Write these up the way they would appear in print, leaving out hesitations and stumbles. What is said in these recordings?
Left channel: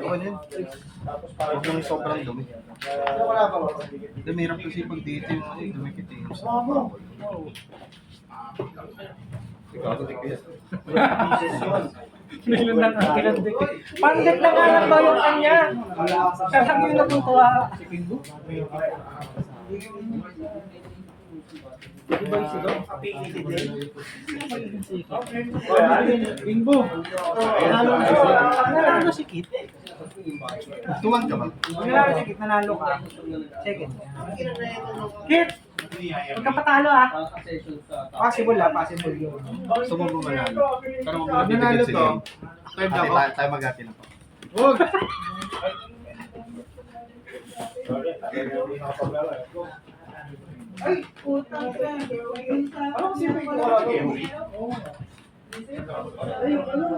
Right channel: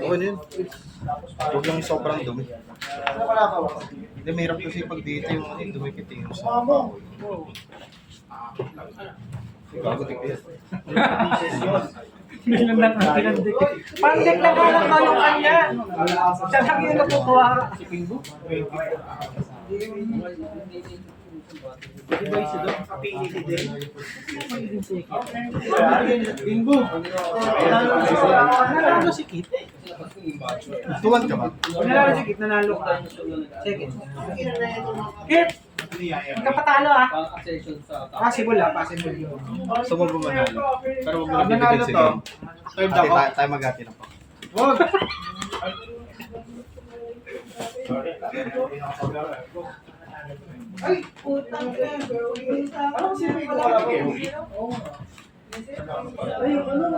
Oo, ano yun? Huwag lang sobrang dumi. Hindi, mahirap kasi pag dito yung ano, dumikit yung sa bawal. Bago dikit. Panggit na nga lang balong kanya. Siya lang yung natutuwa. Di ba isi doon? PED din? Bingbo. Nanalo si Kit. Tuwan ka ba? Nanalo si Kit, nanalo ka. Second. Kit! Huwag ka patalo ah. Possible ah, possible yun. So, mo ba manalo? Pero huwag mo na Nanalo bibigyan to. sige. Third Ate, ako. tayo mag-ati na po. Huwag! Ay, putang ina. Ano kasi may wala ko? Ay, ano?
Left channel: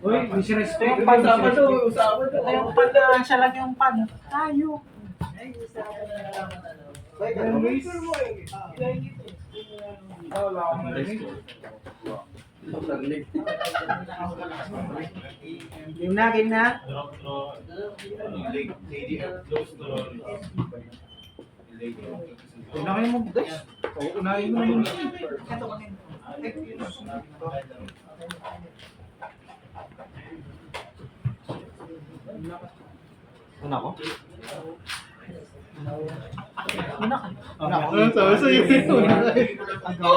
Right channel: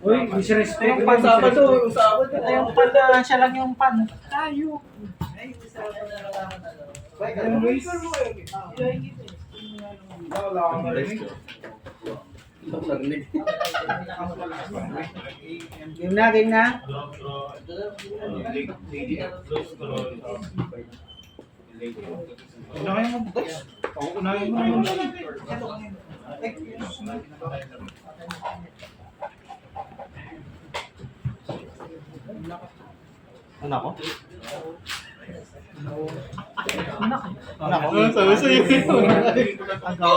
Uy, disrespect. Yung usapan to, usapan to. Ito yung pan na, siya lang yung pan. Tayo. Ay, usapan na naman ano. Yung Luis. Wala akong narinig. Game na, game na. Unahin mo, guys. Unahin mo naman. Ano ako? Ano ako? Sabi sa'yo. Agaw.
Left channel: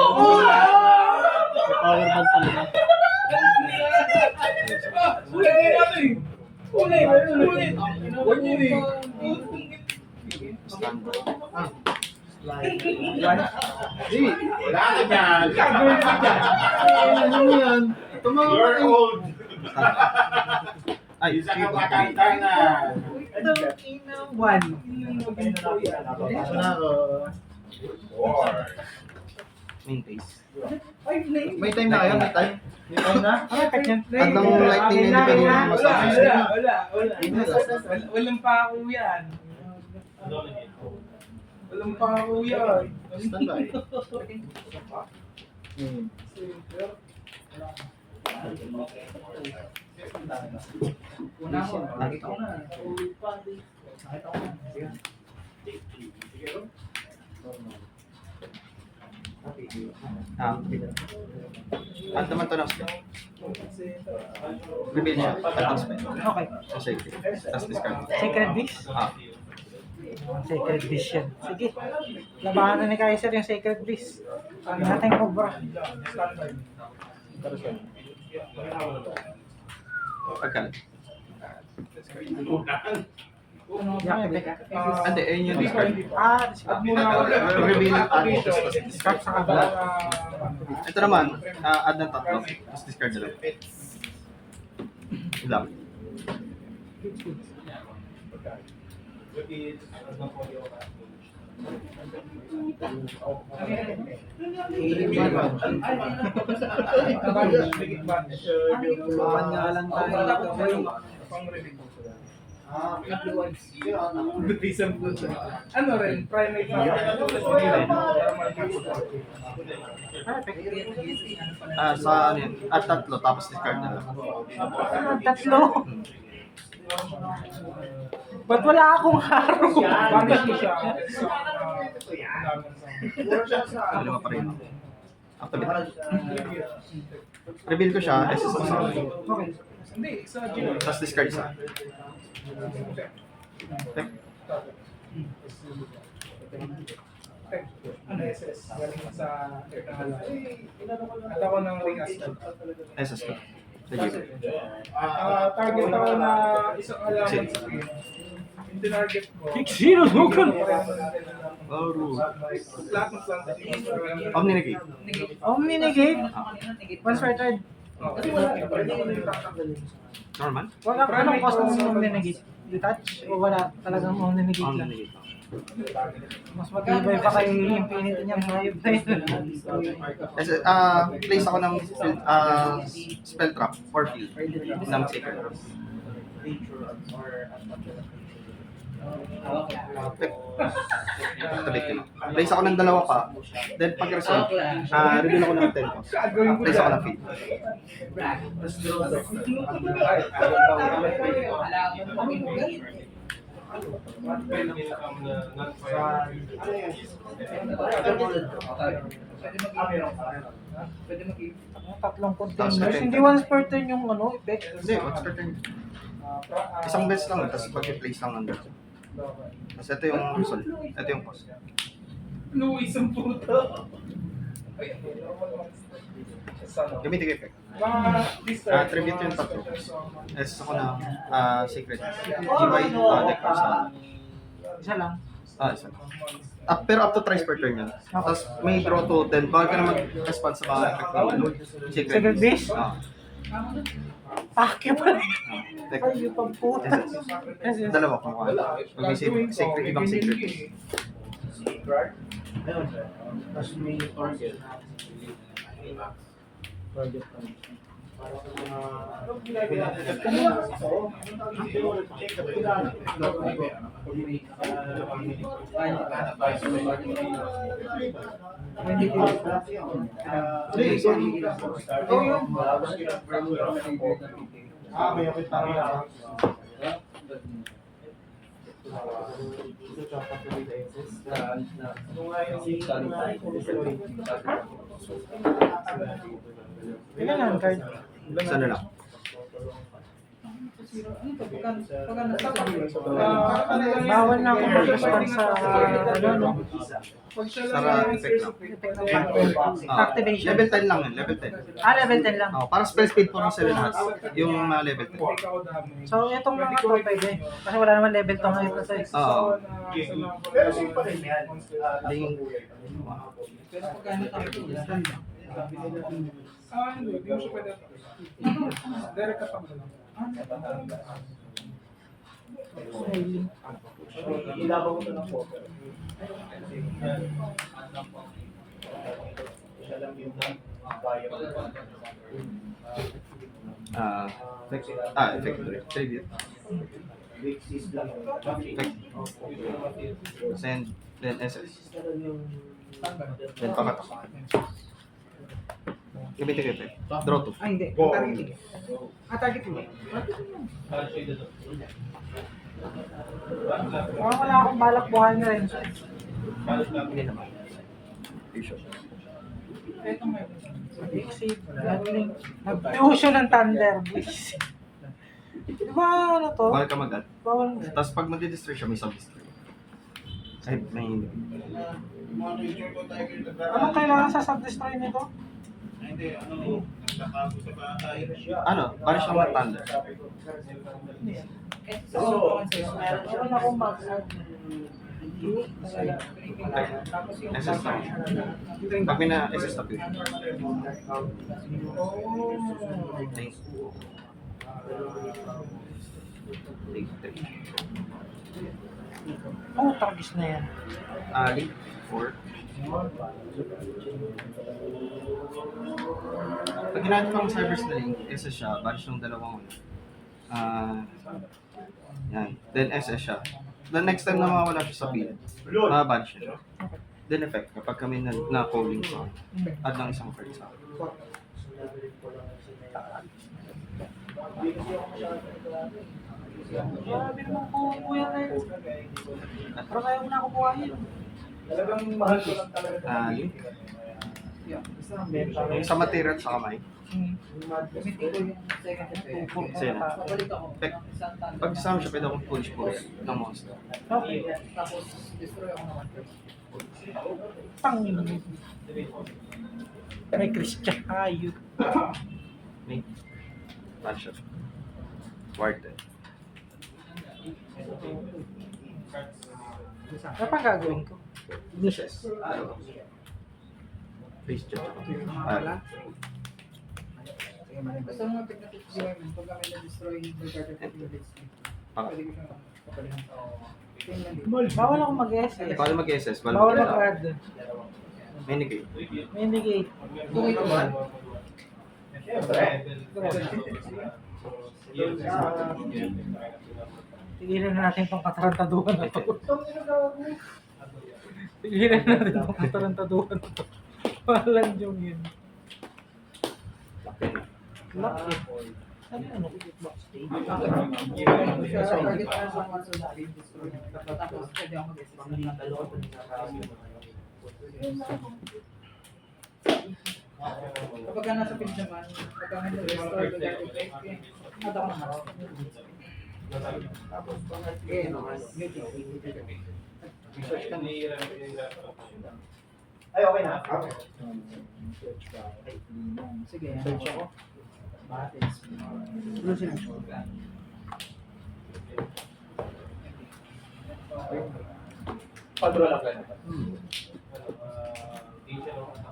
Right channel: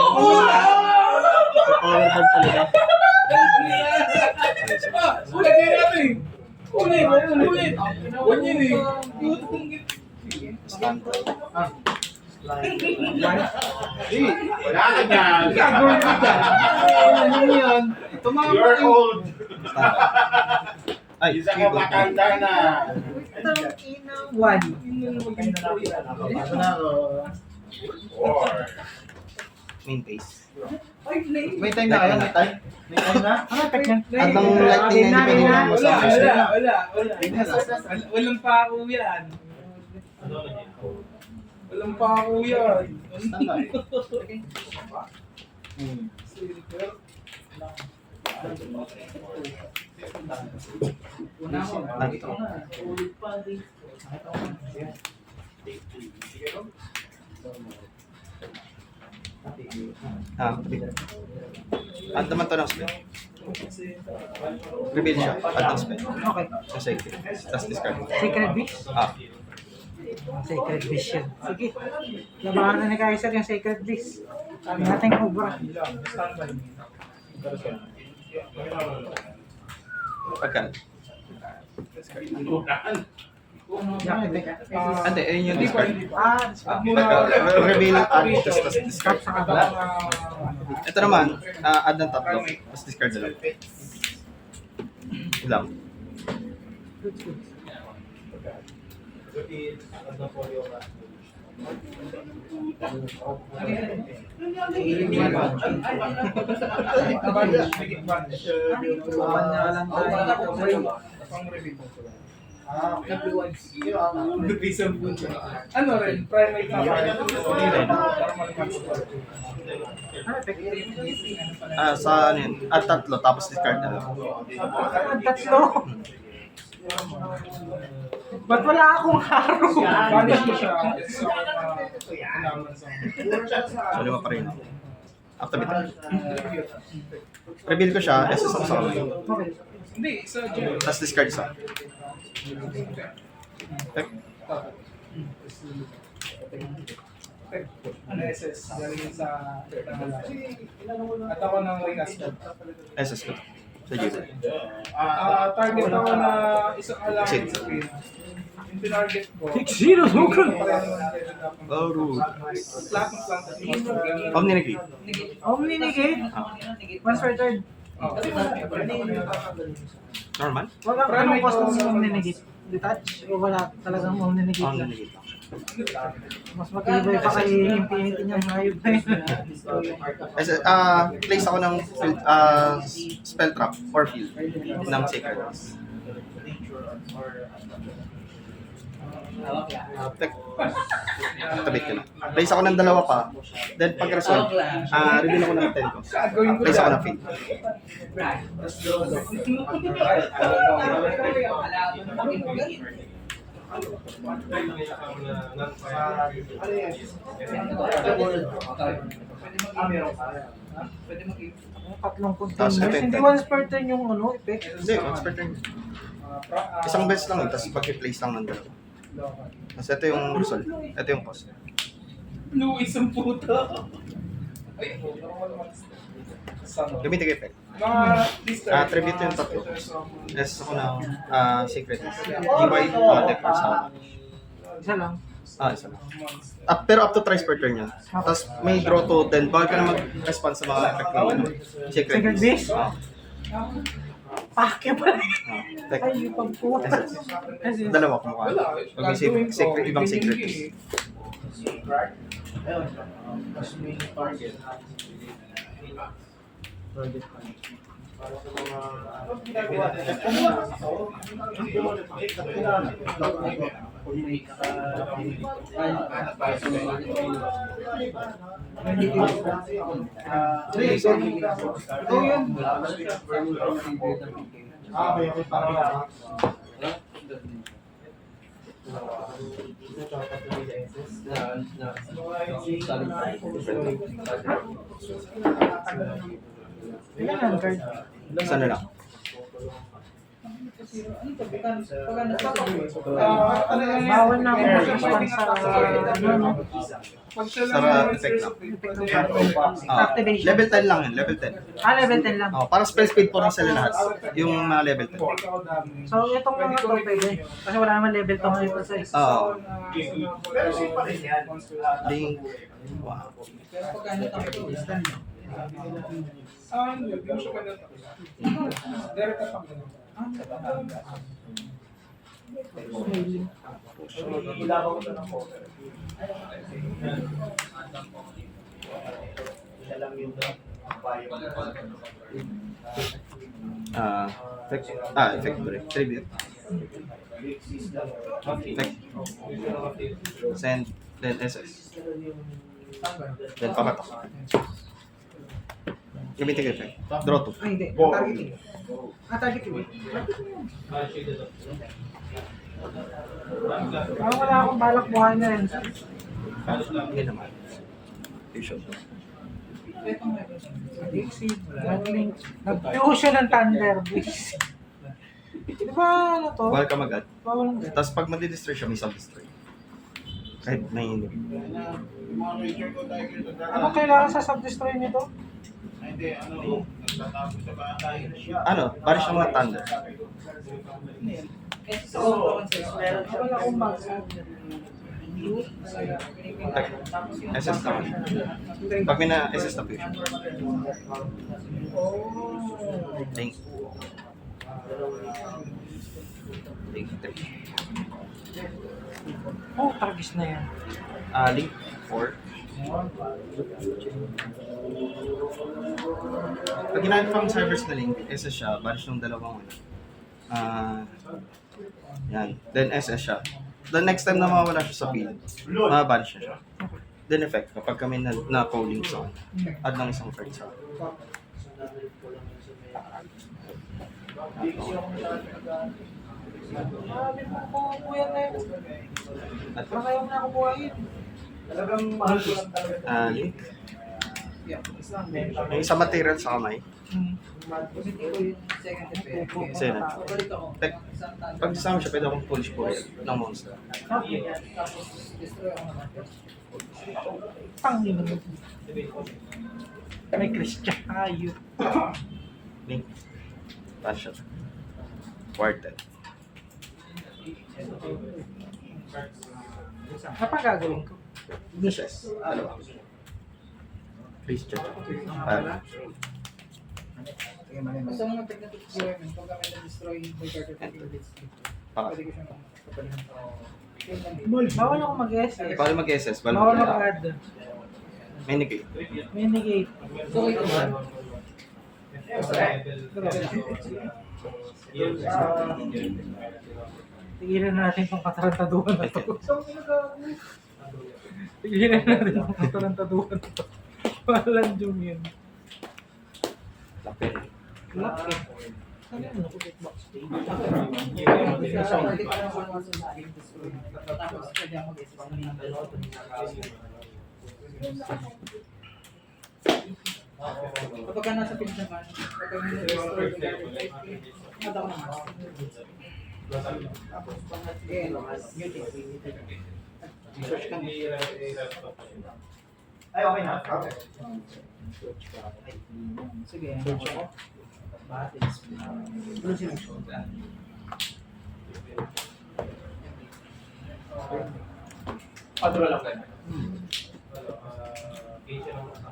Power band talaga. Ulit natin. Ulit. Huwag yun eh. Stand. Wala na dyan. Gagawin mo dyan. Ano yan? Tumama You're kayo. old. Ay, Isa ka makanta na. One. Ito na ako. Four. main base. May time na kayo? May time? May time na? Ano pet niyan? Habang lightning na hindi pa rin masabi. Walang pa ako yan. Walang pa ako yan. Standby. Una ko. Nakita ko na. At naman to ng spell. Reveal siya. At ng spell. Okay. Sa safety. Tapos discard. Secret Beast? Ah. Sacred Beast yan. Sige. Labahan na ni Kaiser yung Sacred Beast. Ano natin Cobra? Pagkan. Ano? Ante, ayun yung discard. Reveal. Reveal at tapos discard. Ito naman, add ng tatlo. Tapos discard na lang. Ilang. Ano rin? Primate na Sa ano yun? At tatlo, tapos discard na lang. Tatlo. Ba't wala akong haro? Punish mo siya. So, lima pa rin. Activate. Reveal ko siya, SS ko sa akin. Okay. Hindi, sa Gio. Tapos discard isa. Okay. Ano SS? Galing yun sa at ako ng Winastan. SS ko. Sa Gio. Target ako na isang alaman Shit. sa screen. Yung tinarget ko. Sino sukan? Laro. Lahat ng plant. Omni-negate. Omni negate. Once per turn. Normal? Wala anong cost ng Omni negate? Detach? O wala talagang Omni negate lang? Omni-negate. Mas matibay pa kay Infinity niyang hayop na yun. Kasi, place ako ng spell trap or field ng sacred. Tek. Tabit ko lang. Place ako ng 2 pa. Then pag result, reveal ako ng 10 ko. Gagawin ko Place ako dyan. ng feed. Tatlong Tapos, containers. Hindi once per turn yung ano, effect. Hindi, expert yun. Isang beses lang tapos pag-place lang nandun. Tapos ito yung result. Ito yung post. Luis ang puto. Ay, Gamitin ko effect. mga Tribute yung tatlo. S ako ng secret. GY, deck sa Isa lang. isa lang. Pero up to thrice per turn yun. Tapos may draw to 10. Bakit ka na mag-respond sa mga effect ng secret? Secret base? Ah, Pakya pa. deck. Ay, yung pagpo. Yes, yes. Dalawa kumukha. Pag may secret, ibang secret. Ayun. Tapos may target. Target ka. May okay parang Ilan ang card? Isa na lang. Bawal na ako mag-respond sa ano, no? Sarap effect lang. Activation. Level 10 lang yun, level 10. Level 10 lang. Parang spell speed po rin sa lahat. Yung level 10. So, itong mga to pwede. Kasi wala naman level to ngayon sa isa. Oo. Pero safe pa rin yan. Link. Wow. Pero pagkano tayo ito, stand lang. Hindi mo siya pwede. Direct ka pang ganun. Ilaw ko ng poker. Siya lang yun na bayo. Effect ko rin. Tribute. Big sis lang. Effect. Send. Then SS. Then pamatak. Gamitin ko effect. Draw 2. Ay, hindi. Targeting. Targeting. Wala akong balak buhay na yun. Hindi naman. Fusion. Dixie. Nag-fusion ng Thunder Boys. Di ba ano to? Bawal ka mag-add. Bawal. Tapos pag madi-destroy siya, may sub-destroy. Kahit may hindi. Ano kailangan sa sub-destroy nito? Ano? Parang siyang mga thunder. Wala akong mag-add. SS na. Pag may na SS na fusion. Link. Link 3. Oh, targis na yan. Link 4. Pag ginamit pang servers na link, SS siya, bunch ng dalawang yan. Then SS siya. The next time na mawawala siya sa field, mababanch siya. Then effect, kapag kami na-polling sa add ng isang card sa Grabe mo po kuya ngayon. Parang ayaw na ako buhayin. Talagang mahal ko lang talaga. link. May isang material sa kamay. Gamitin ko yung second effect. Sa'yo na. Pabalik ako. Tek, Isang tanda. pag isama siya, pwede akong polish ng monster. Okay. Tapos destroy ako naman. Panginoon. May Christian. Ayun. Link. Ban siya. Quartet. Ano pa gagawin ko? Ignitions. Please check. Basta mga technical experiment, pag kami na-destroy by card effect units, pwede ko siyang kapalihan. Same lang din. Bawal ako mag-SS. Paano mag-SS? Bawal mag-add. Renegade. Renegade. Okay ko ba? Tigilan na natin pang katarantaduhan na to. Tigilan na natin pang katarantaduhan na to. Walang jong yun. Laki. Laki. Ano ano ko kickbox? Sa target pa naman once sa game destroy. Tapos pwede ako mag-assist ng dalawa. Kapag nasa pitch naman, pagka may destroy the guardian type, mata ko naman. Tapos pangat muting. Search ka na. Ay, okay na. Okay. Sige, search ako. Blue sila. Padura lang kayo.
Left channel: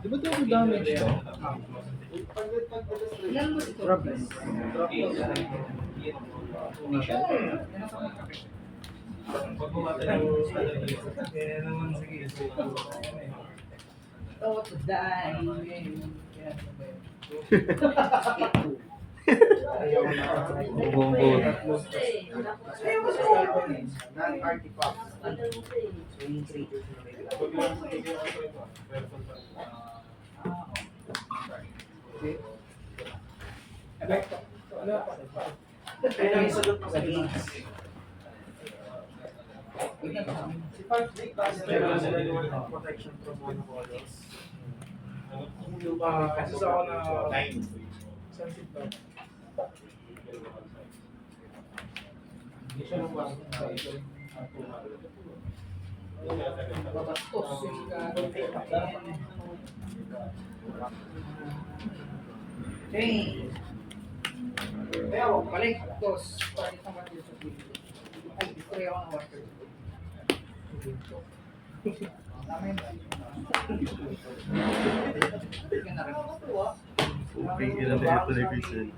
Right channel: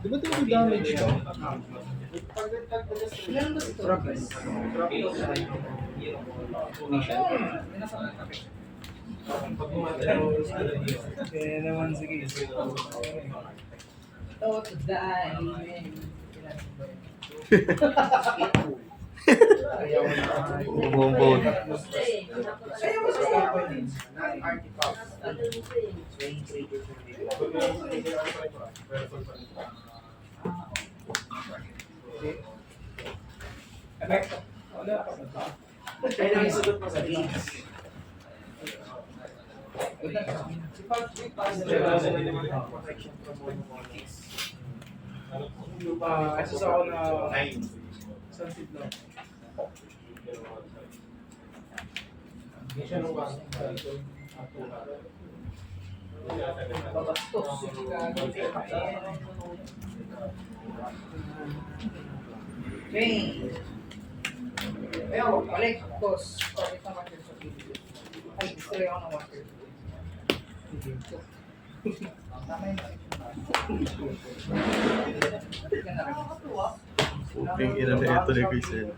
Di ba ito damage to? Ilan ba ito? Progress. Initial. Kaya naman sige. To die. Bumbong. Wala pa. Kaya lang yung sagot mo sa Si Park Big Pass. protection from monopolies. Kasi ako na 9. sunset lang. Hindi siya nung Babastos yung gagawin. Okay. Kaya ako, Balik. Tos. Target ng water sa video. Ay, destroy ako ng water. Tama yun. Hindi ka na rin. Okay, ilan na ito ni Quizzen.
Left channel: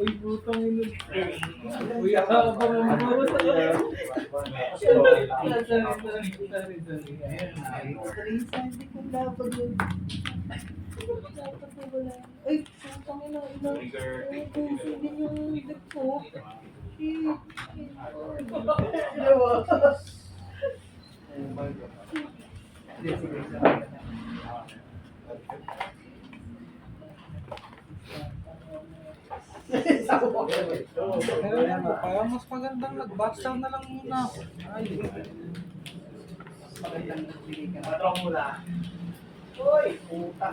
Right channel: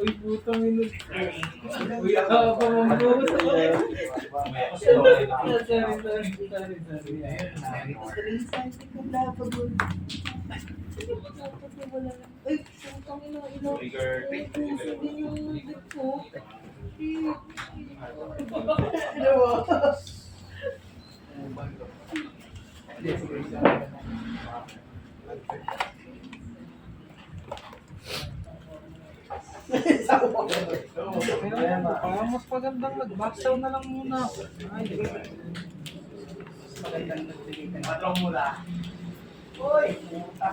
Uy, putang ina. Uy, ako ang buta. Sorry. Ayun na. Destroy sa hindi ko dapat yun. Ay, putang ina, ilang. Ay, puso din yung deck ko. Shit. Hindi, sige. Pero parang mas magandang mag-backstone na lang muna. Ay, Magandang nagbigay ka na. matrong mula. Uy, puta.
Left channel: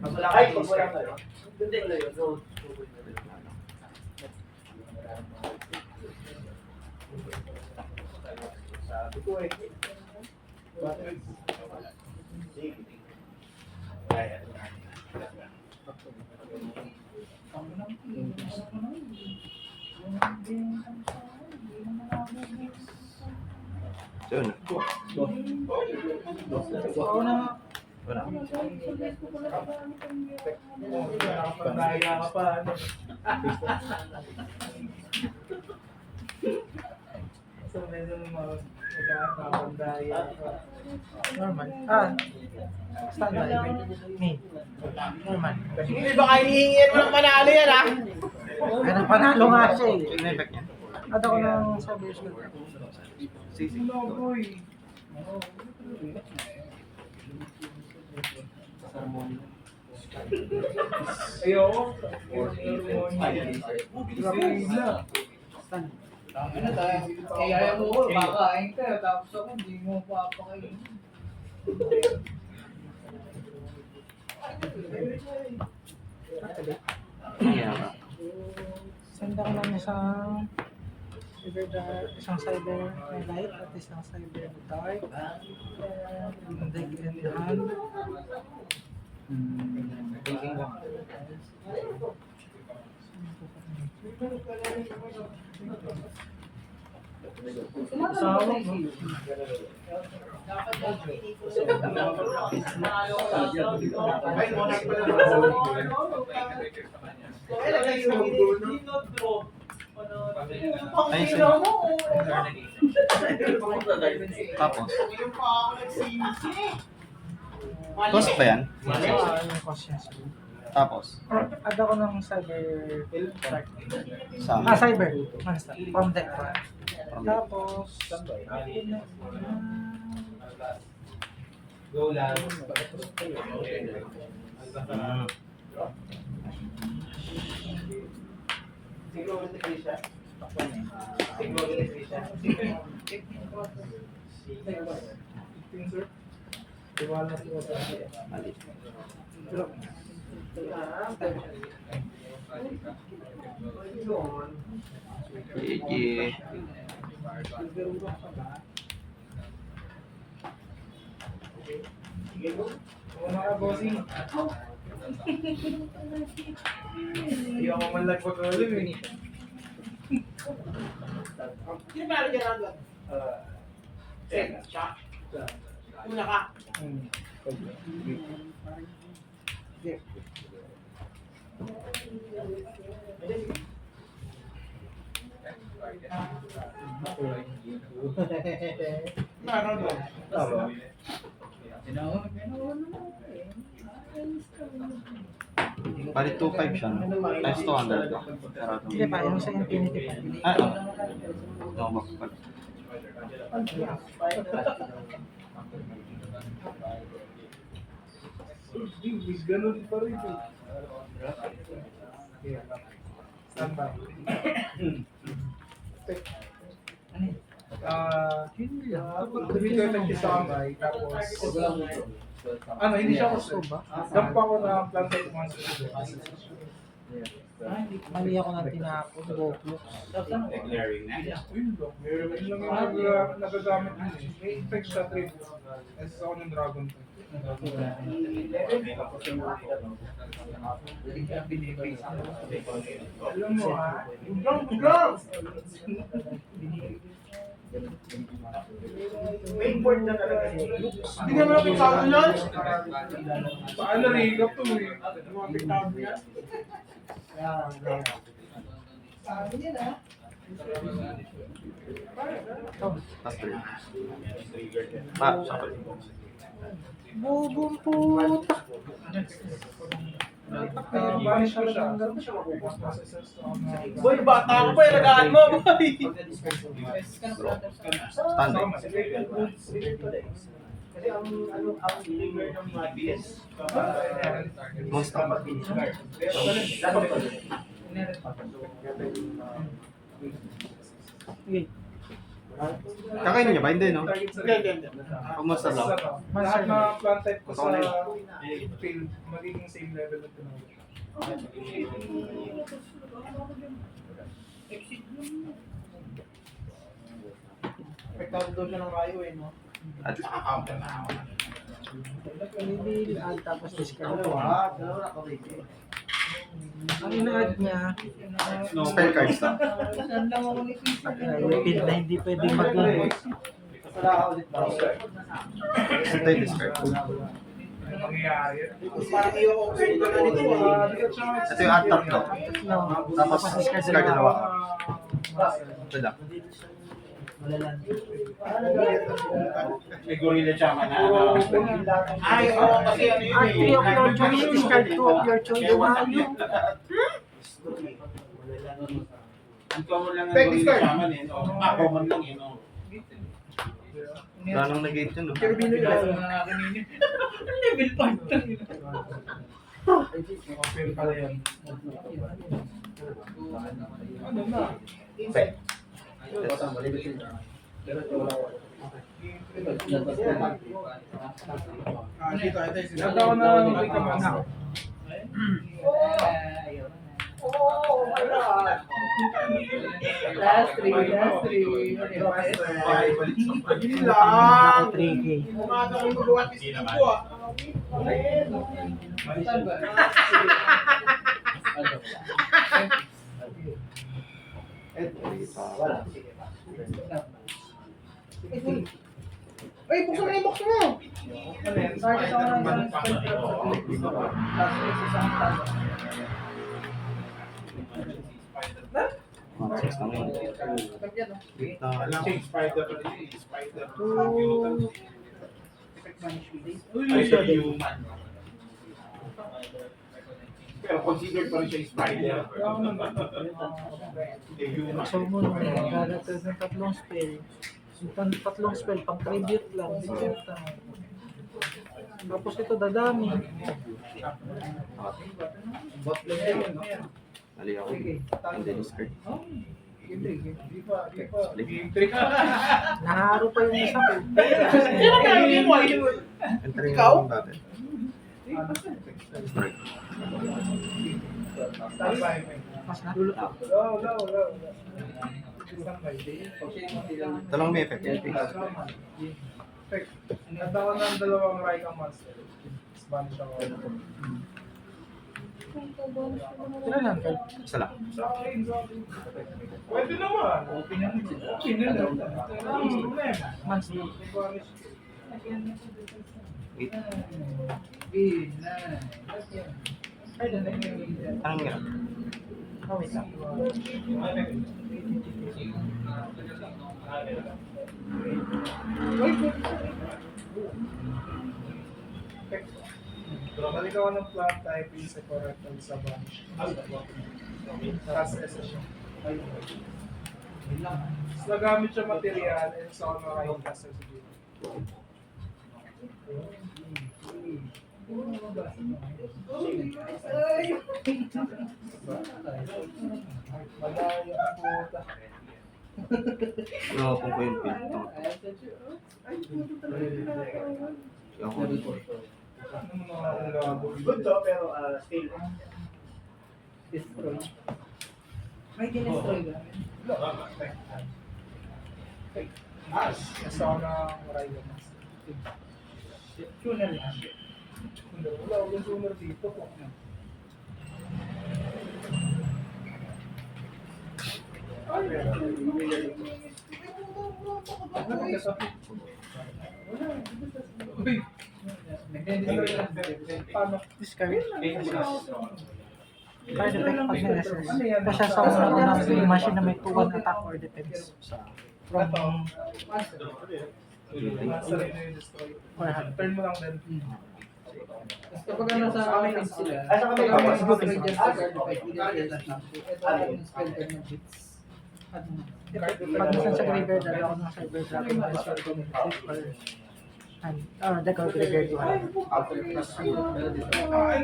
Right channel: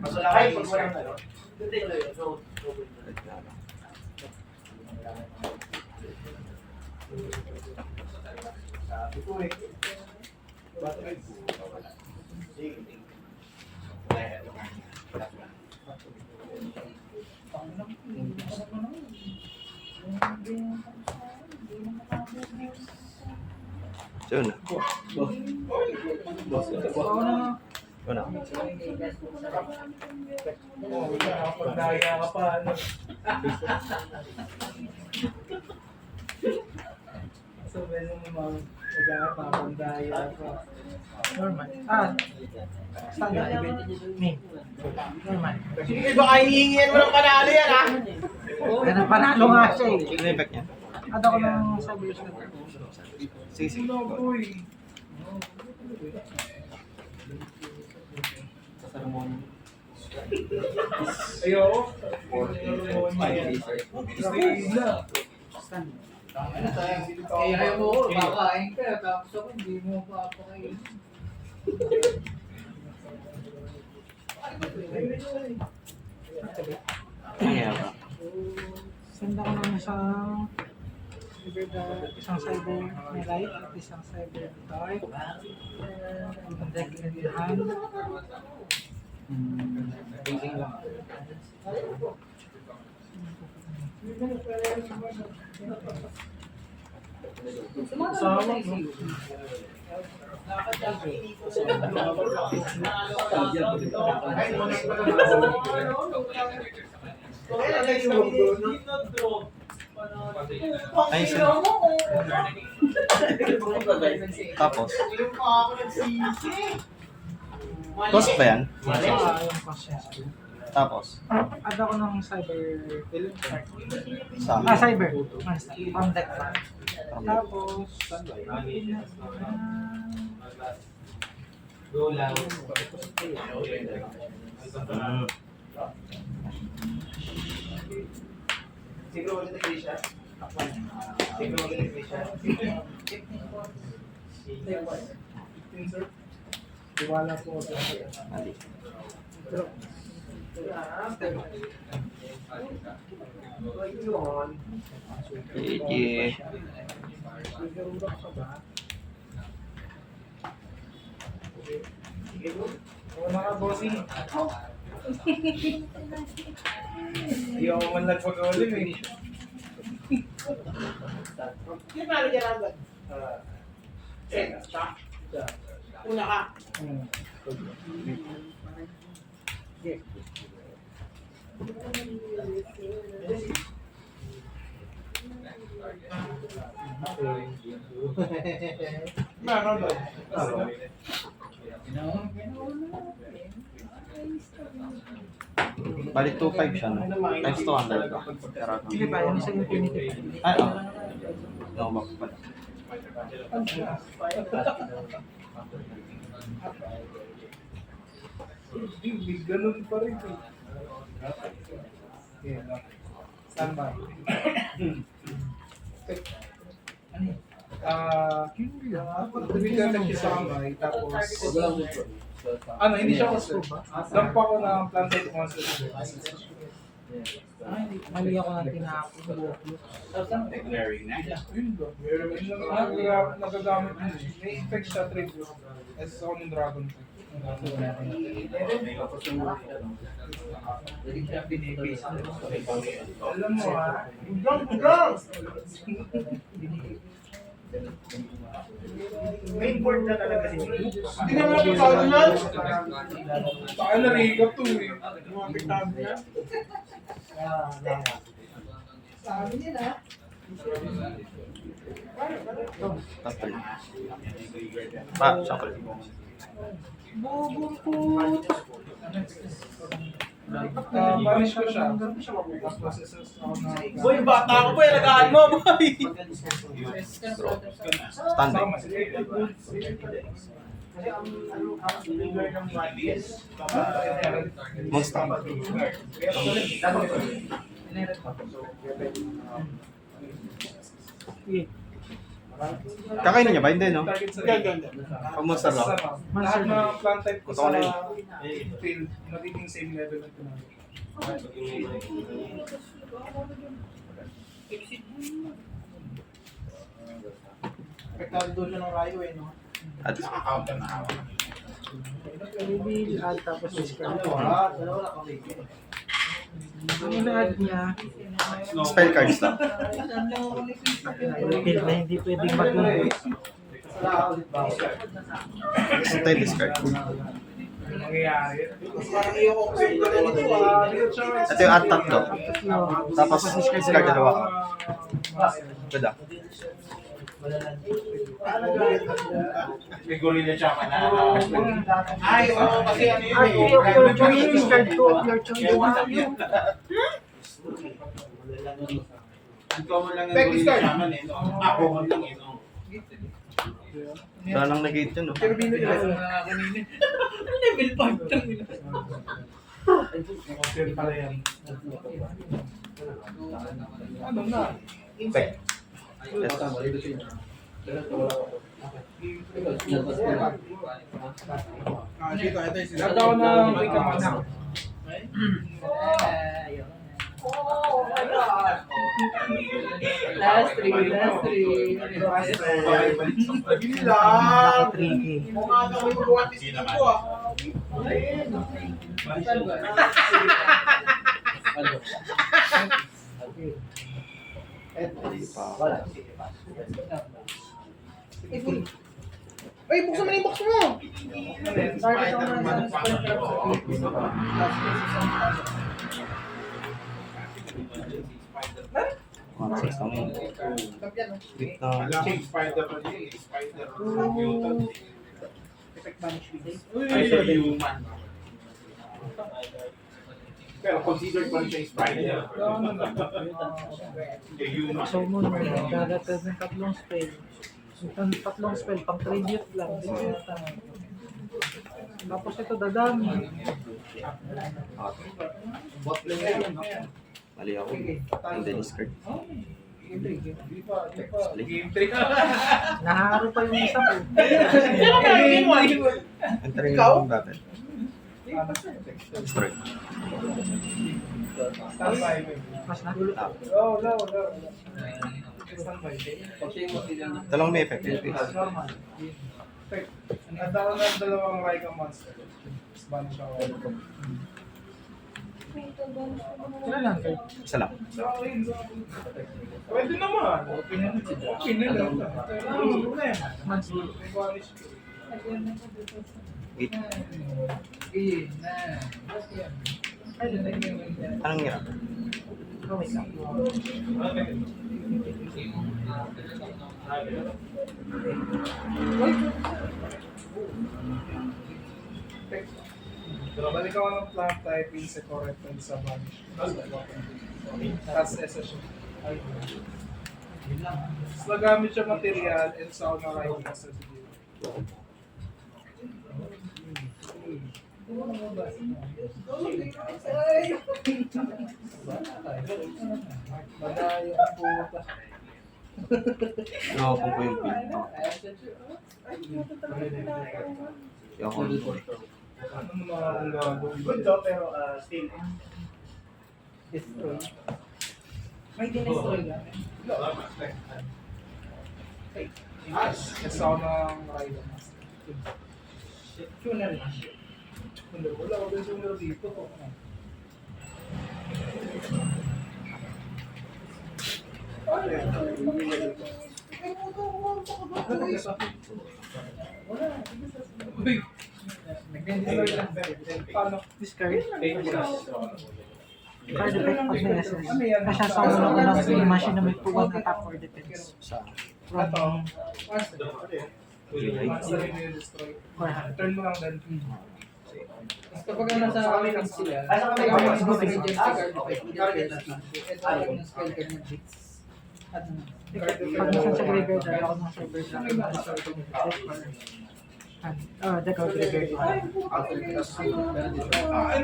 Masalakay pag walang ano. Hindi, road. Sabi ko eh. Bakit? Sige. Ayan. Pangunang tingin. Hindi na makakabos. So, na. ako na. Wala. Nakapagdaya ka pa. Ano. So, meron naman nagkakapagdaya pa. Normal. Standard event. Me. Normal. Hindi baka hihingin mo ng panalo yan ha? Pero panalo nga siya eh. Sino yung back niya? Add ako ng sabi ko. Sige, sige. Go. Ayoko. Ano tayo? Kaya mo ko, bakain ka, tapos ako hindi mo papakain. Kaya ba? Send ako ng isang cyber may light at isang cyber dark. Yung deck in the hand. Thinking lang. Sumatawag sa ICU. Ay, muna yung Ay, sige. Tapos, Yung pa ako nagsisi. Cost ba yan? Yung cost niya. Tapos, Add ako ng cyber... sa cyber. From deck. from the- Tapos... Go lang. Mm. Siguro ulit na siya. Siguro ulit na siya. 15, sir. Tiwala po sa Mali. Sige. mga bossing. Ayaw ko man lang pag-ulim eh. Sino pala dyan ang doon? Siya? Una ka. Meron doon. Bali 2.5 siya, no? Times 200 ba? Pero, Hindi pa, yung sa Infinity. ay, oh. No, ba pala. Big ganun pa rin eh. Okay, stand by. Ano yun? Tumitin lang siya sa kamay, tapos ano, hindi siya gusto ba? Dampa ko na planted monster. Hindi. Mali ako nga tinako. Tapos ano? Declaring na. Yun lang. Yun lang yung nagagamit yun eh. May effect siya trade. As ako ng dragon. Alam mo ah. Bugang! May import na talaga siya. Hindi naman ako tawag yan. Saan narigap to eh. Mga piktado niya. Sabi nila. Tapos pala. Ah, chocolate. Bubong put. Banish ko siya. Mas processes ako na. Boy, bata ako pa, nagaan mo, boy! Standby. Kasi ang trigger ng Mabias. Monster. Kakainin niya ba? Hindi, no? Pag monster lang. Lahat na plant type ko sa Totoo field, magiging same level ng tinawag. Pektado doon siya ng rayo eh, no? At Reveal, add tapos discard. Dalawa na kami. Ang ina-add niya, spell cards lang. saan lang ako ni reveal na hindi pwedeng mag-voice. Sala ka ulit ba? Kasi tayo discard. Ang mangyayari. Parang iyo ko kasi ito na nito ah. Ito yung at tatlo. Tapos discard dalawa ka. Wala. May gorilla siya man na. Ay, oo, kasi ano yun eh. Discard two of your choice. Ang common lang yung gorilla siya man eh. Ako man lang eh. Wala nang nag-8 yun, no? Pero bino nila yung mga kanina. Level 5 lang nila. Okay pala yan. Ano na? Back. Nagda ko na may kamana. Last three. Yun lang. 3K. Mukha na kami magawa ng team ko ah. Uy, buksan mo na yung box mo! Target ako ng isang spell trap sa face. Last face isang talo. Monsters lang yun. Tagyan, no? Na, Spider pa rin. Spider. effect banish days. Ay, so human. Pero considered pa rin siya spider. Human. So mo gagatid ng tatlong spell. Yung tatlong spell pang tribute lang. Hindi kaya tapos ito dadami. Bot lane yun, no? Mali ako. Hindi discard. Di pa. Game trick. Naharo pa yung isa. Entering lang yung battle. Destroy. Standby. Mas nagulo. Wala. Standby. Ito lang may effect. Normal. At ako ng dalawang Raika monster. Spanish ako. Sila lang kayo. Isa lang. Sa akin. Pwede naman. Okay na lang. Ano problema? Spanish. Wait. Anong nga? Wait lang. Balik ako ng plant typing sa correct and sa vanish. Tapos SS siya. Tapos nagamit siya material and sa ako na sa siguro. Madaya ang puta. Ayoko ko yung build. Ayoko yung build. Ano mo na gagawin? Good to, pero still. Destroy. May dinestroy ka. Kasi ako ng Raika Master. Tuner lang. Wala ako din sooner dito. Uy! Nag-destroy lang. Paano? Discard. Destroy lang Pag dito. Ano yan? Kasi sa unang skill machine na may tuwag attack or defense. Ito. Monster. Master rin yung destroy. Turn mo lang din. Tapos kapag nasa offense sila, kapag may destroy dyan sa card effect, hindi na spell skill. Ito ako ng spell card ng bits. At pag nasan sa graveyard, at ako ng server sa akin, destroy ko ng the card graveyard. Ano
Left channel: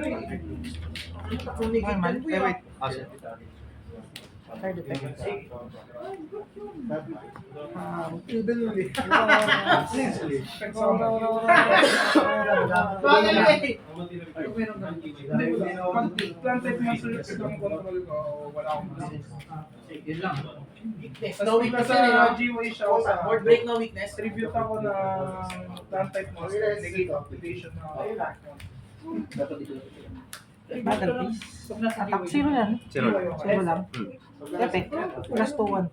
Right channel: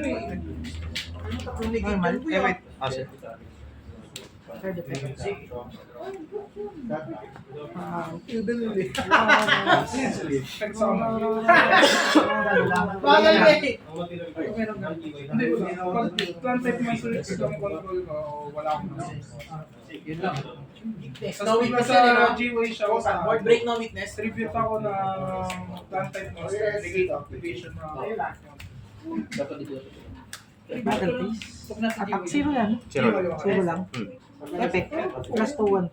eh? Normal. Wait. Sige. Card effect. Effect sa mga. Bagay eh! Hindi, pag plant type master lang control ko, wala akong Yun lang. Tapos bigla sa G-Way siya ako sa Board break no weakness. tribute ako ng plant type master, negate activation na ako. Battle piece. Attack zero lang. Zero lang. Zero lang. Effect. Plus 2-1.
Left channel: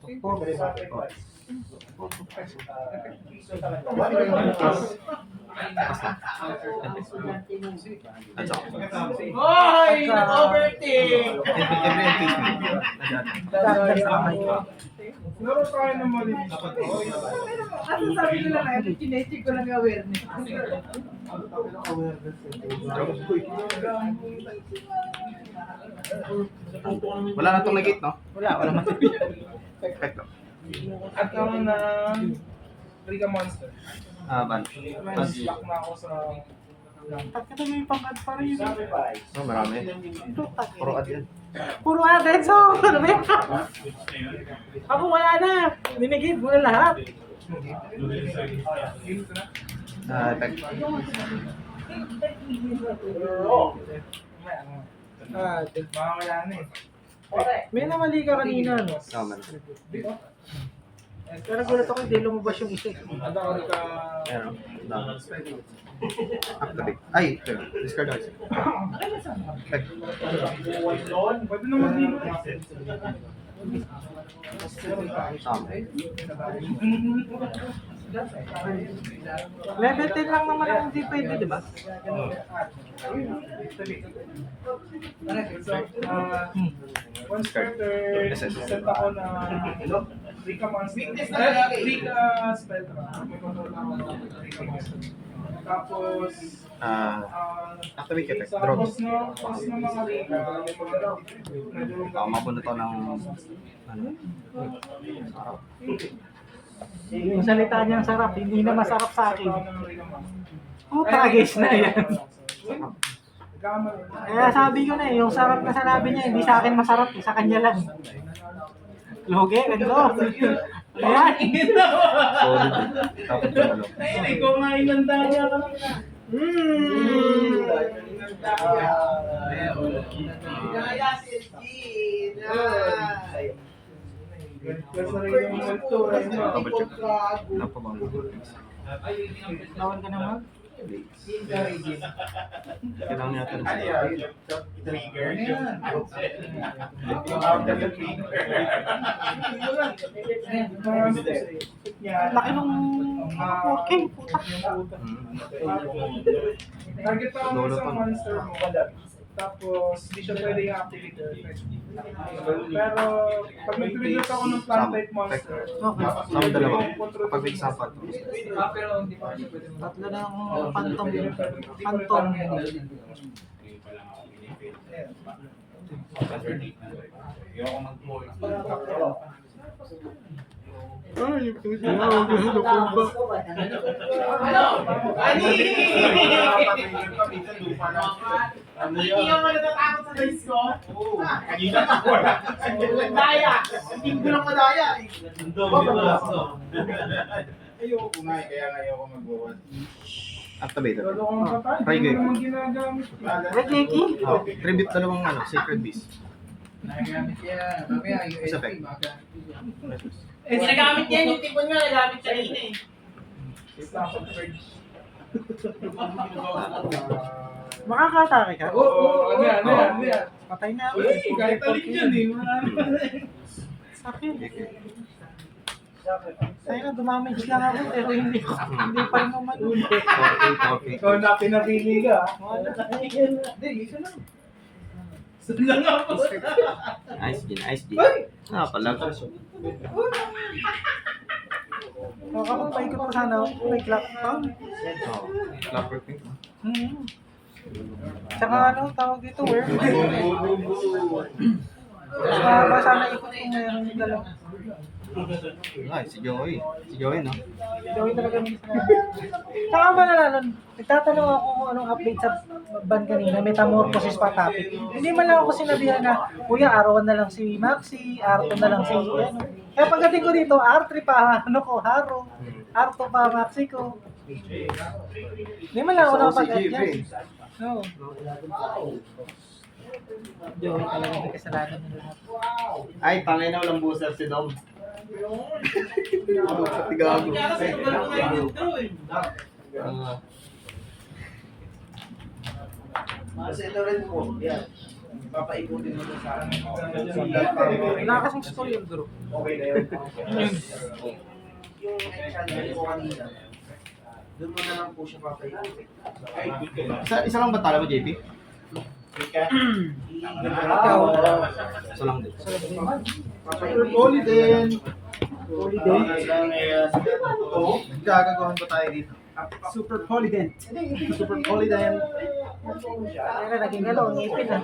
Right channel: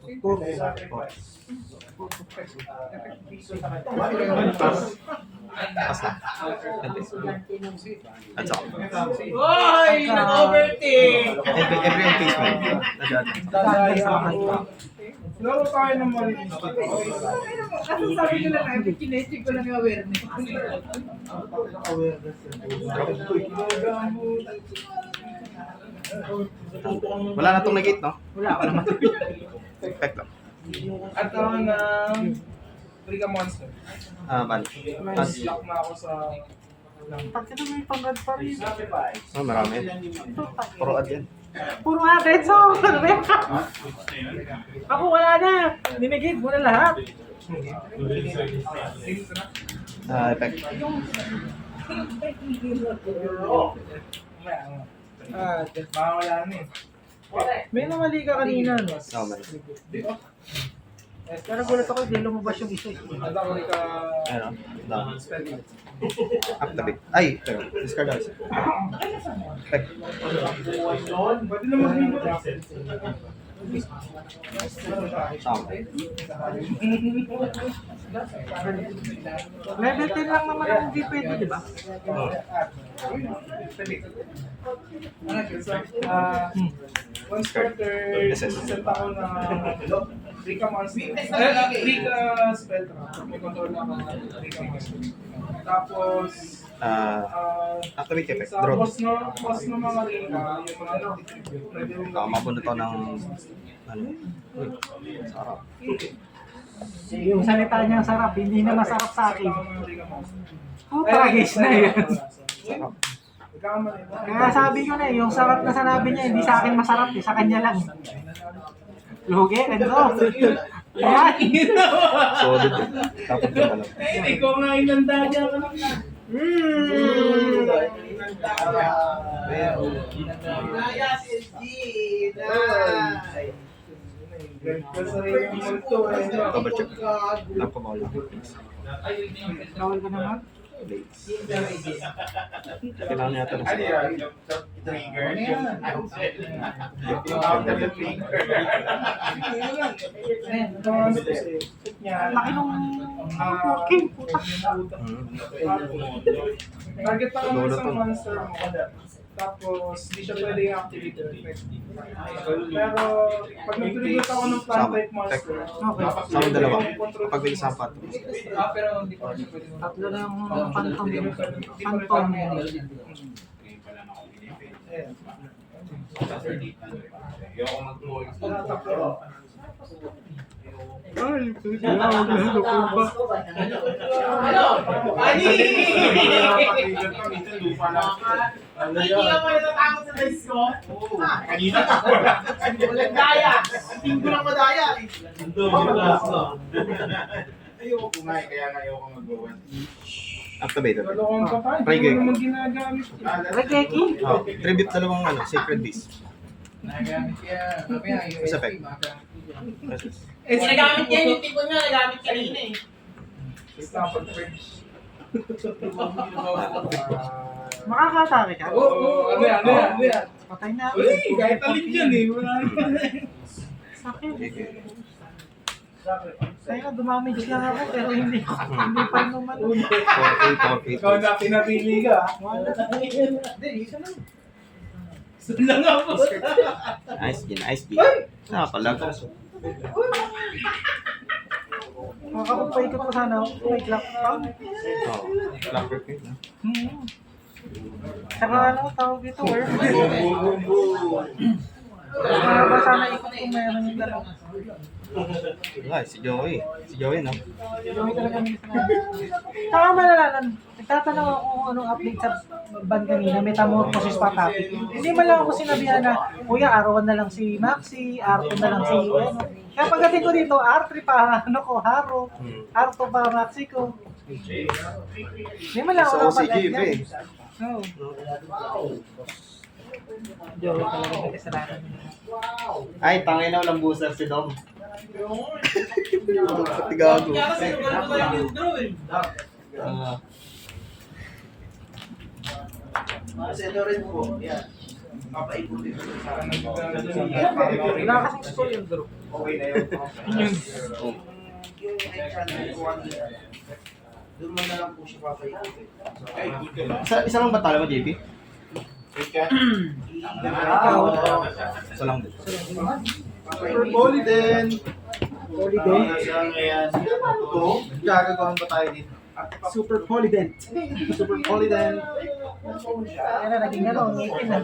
Pas lang. At saka. Hoy! Nag-overtake! Every face mo. Dadaya ako. Laro tayo ng malinis dito. Ano sabi ko lang, kinetic ko lang yung awareness. Wala na itong negate, no? Wala ka naman. Perfecto. At ako ng Rika Monster. Banish. Mas lock na ako sa Pag ito may pangad pa rin. Oh, marami. Puro ad yan. Puro agad sa mga. Ako kaya na. Dinigit mo na lahat. Effect. Mawala na eh. May namali ka kanina, no? No, man. Pero gulat ako, hindi lumabas yung isa. At ako Rika Ano? Down. Activate. Ay, pero discard ako. Effect. Pwede naman dito. Tama. Level 10 lang naman ang hindi pwede, di ba? One starter, set ako na Rika Monster. Weakness na talaga eh. Rika Spectra. May control naman ng Rika Monster. Tapos, Activate effect. sa Draw. boss ng mga Rika, yung mga pwede rin Mabunod to ng ano? Sarap. Yung salita niya ang sarap, hindi na masarap sa akin. ng Rika Monster. Oh, tragis na yan. Sarap. Nagkamali. Kaya sabi ko na, yung sarap na sanabi niya, hindi sa akin masarap, sa kanya lang. Lugi, ganito. Alright. Solid. Tapos yung ano. Ikaw nga inanda niya ka lang na. Kasi rin yung multo eh. Double check. Napamalo. Bawal ka naman. Kailangan niya ito ng Ano sarap. yan? Trigger? Ano yan? Laki nung working, puta. Target pa kung Lolo isang to. monster mo. Tapos, hindi siya pwede i-activate. Pero, pag nag-trigger ako ng plant type monster, Sa akin dalawa. Kapag may isapat. Pero hindi pa siya pwede mo. Tatlo na yung pantong. Ngayon Pantong. pa lang ako pinipit. Ayoko mag-voice. Hindi ka natatakot sa dice ko? Kanina ako wala. Walang daya. Hindi ko lang madaya eh. Ayoko nga eh, kaya nga ayoko mag-voice. Activated. lolokohan pa tayo. Ay, Hindi game. mo naman ginagamit. Regeki? Tribute dalawang ano, Sacred Beast. Nagamit yan. Mamaya, Isa USP, pa. magamit yan. Nagamit yan, yung tipon nga nagamit kanina eh. Stamped Purge. Makakatake ka? Oo, ano yan? Patay na ako. Uy, kahit alin yan eh. Sakit. Kaya na, dumamage lang ako, pero hindi pa naman. 4-8. Ikaw na pinapili ka. Hindi, isa lang. Nice G, nice G. Pala. Makakapagpaikot pa sana ako. May clock pa. Clap perfect. Tsaka ano, tawag dito, where? Kaya ba sana ikot kung meron yung dalawa. Ay, si Joey. Si Joey, no? Kami talaga minsan. Tsaka ba nalaman, itatanong ako kung anong update sa band kanina, Metamorphosis pa topic. Hindi mo lang ako sinabihan na, kuya, R1 na lang si Maxi, R2 na lang si, ano. Kaya pagdating ko dito, R3 pa, ano ko, Haro, R2 pa, Maxi ko. Hindi mo lang ako Sa OCG, kapag eh. Oo. Joey talaga may kasalanan nila. Ay, tangay na walang booster si Dom. Patigago. Ito rin po, yan. Papaiputin mo sa akin. Nakakasang score yung group. Okay na yun. Yung extra na po kanina, doon mo na lang po siya papaiputin. Ay, good ka ba? Isa lang ba tala mo, JP? Ika? Isa lang din. Super Poly din. Gagagawan ba tayo dito? Super Polydent. Super Polydent. Pero naging gano'n, ngipin na.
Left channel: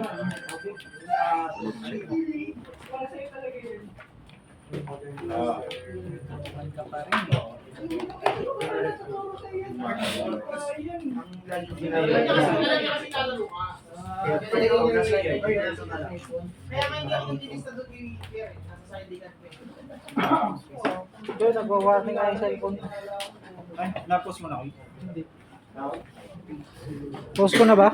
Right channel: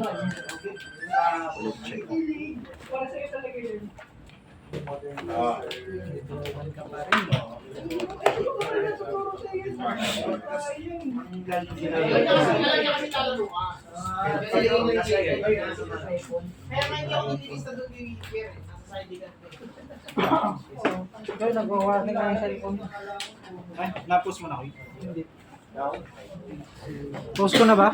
Pero nagwa-warning nga yung cellphone. Ay, na-post mo na ako. Hindi. Post ko na ba?